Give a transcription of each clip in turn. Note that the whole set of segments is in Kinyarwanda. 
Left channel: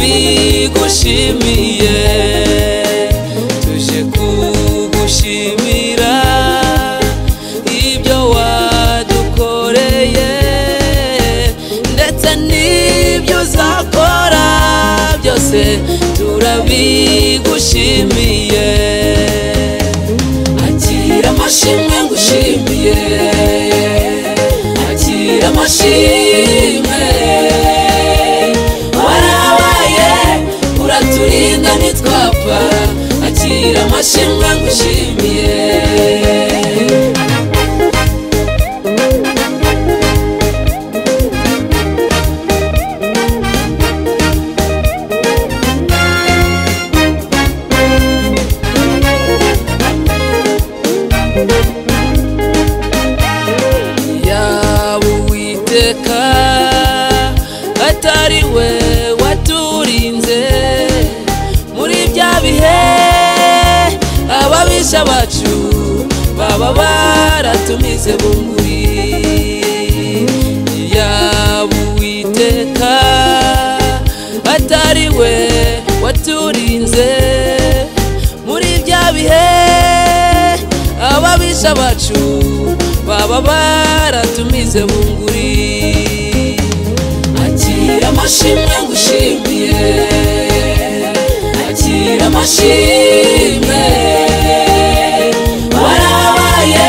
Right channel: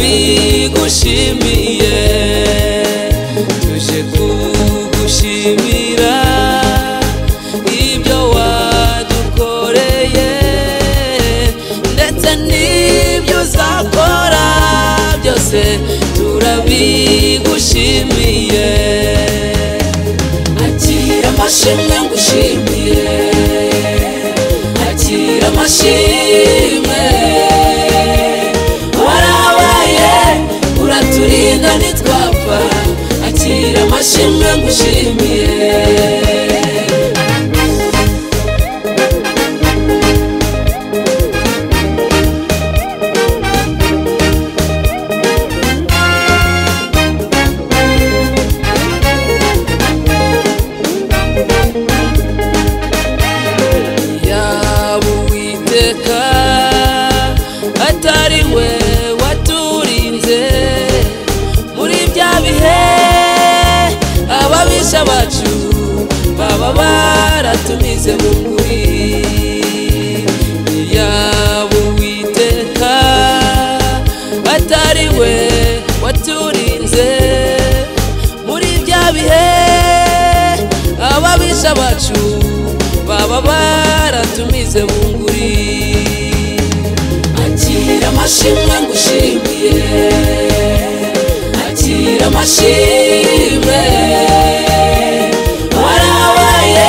turabigushimiye tuje kugushimira ibyo wadukoreye ndetse n'ibyo uzakora byose turabigushimiye akira amashimwe ngushimiye akira amashimwe warabaye uraturinda nitwapfa akira amashimwe ngushimiye atari we waturinze muri bya bihe ababisha bacu baba baratumize bunguri yaba Uwiteka atari we waturinze muri bya bihe ababisha bacu baba baratumize bunguri amashimwe ngushimiye akira amashimwe warabaye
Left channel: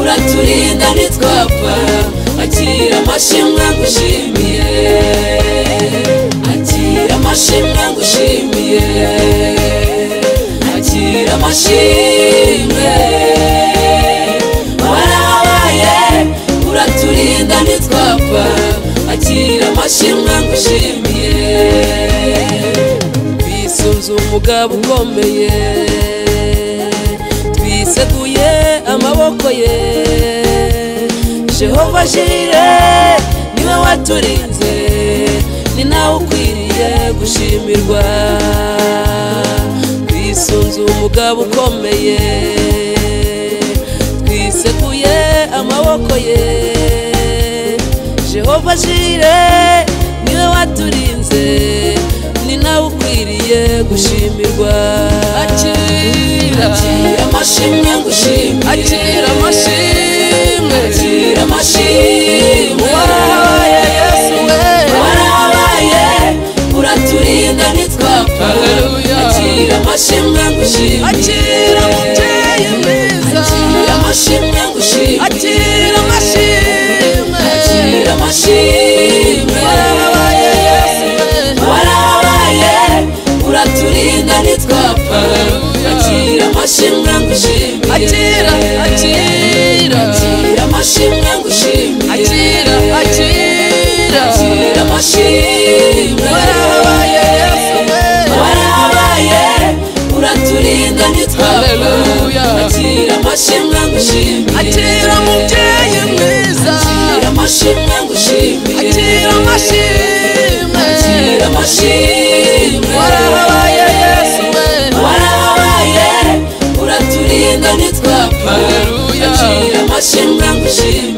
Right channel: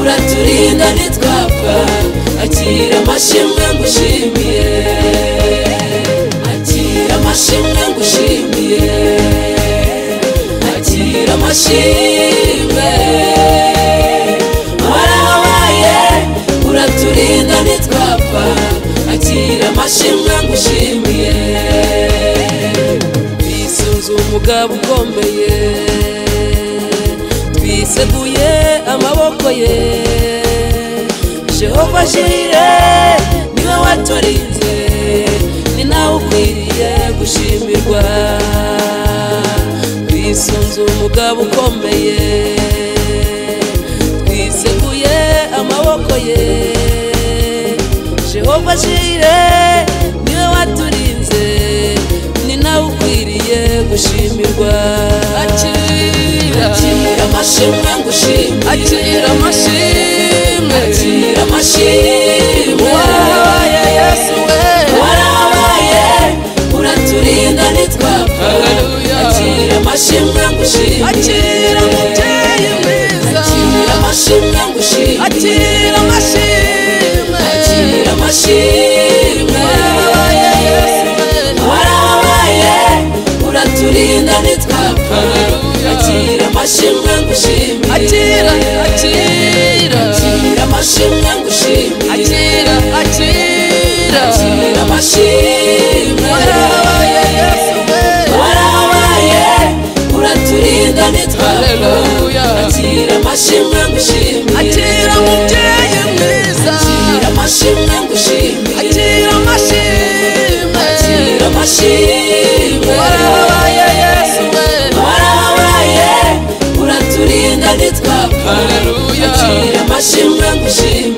uraturinda nitwapfa akira amashimwe ngushimiye akira amashimwe ngushimiye akira amashimwe warabaye uraturinda nitwapfa akira amashimwe ngushimiye twisunze umugabo ukomeye twiseguye amaboko ye Jehova Jire niwe waturinze ni nawe ukwiriye gushimirwa twisunze umugabo ukomeye twiseguye amaboko ye Jehova Jire niwe waturinze ni nawe ukwiriye gushimirwa akira amashimwe ngushimiye akira amashimwe akira amashimwe warabaye Yesu we warabaye uraturinda nitwapfa haleluya akira amashimwe ngushimiye akira mubyeyi mwiza akira amashimwe ngushimiye akira amashimwe akira amashimwe warabaye Yesu we warabaye uraturinda nitwapfa haleluya akira amashimwe ngushimiye akira akira amashimwe ngushimiye akira akira amashimwe warabaye Yesu we warabaye uraturinda nitwapfa haleluya akira amashimwe ngushimiye akira mubyeyi mwiza akira amashimwe ngushimiye akira amashimwe akira amashimwe warabaye Yesu we warabaye uraturinda nitwapfa haleluya akira amashimwe ngushimiye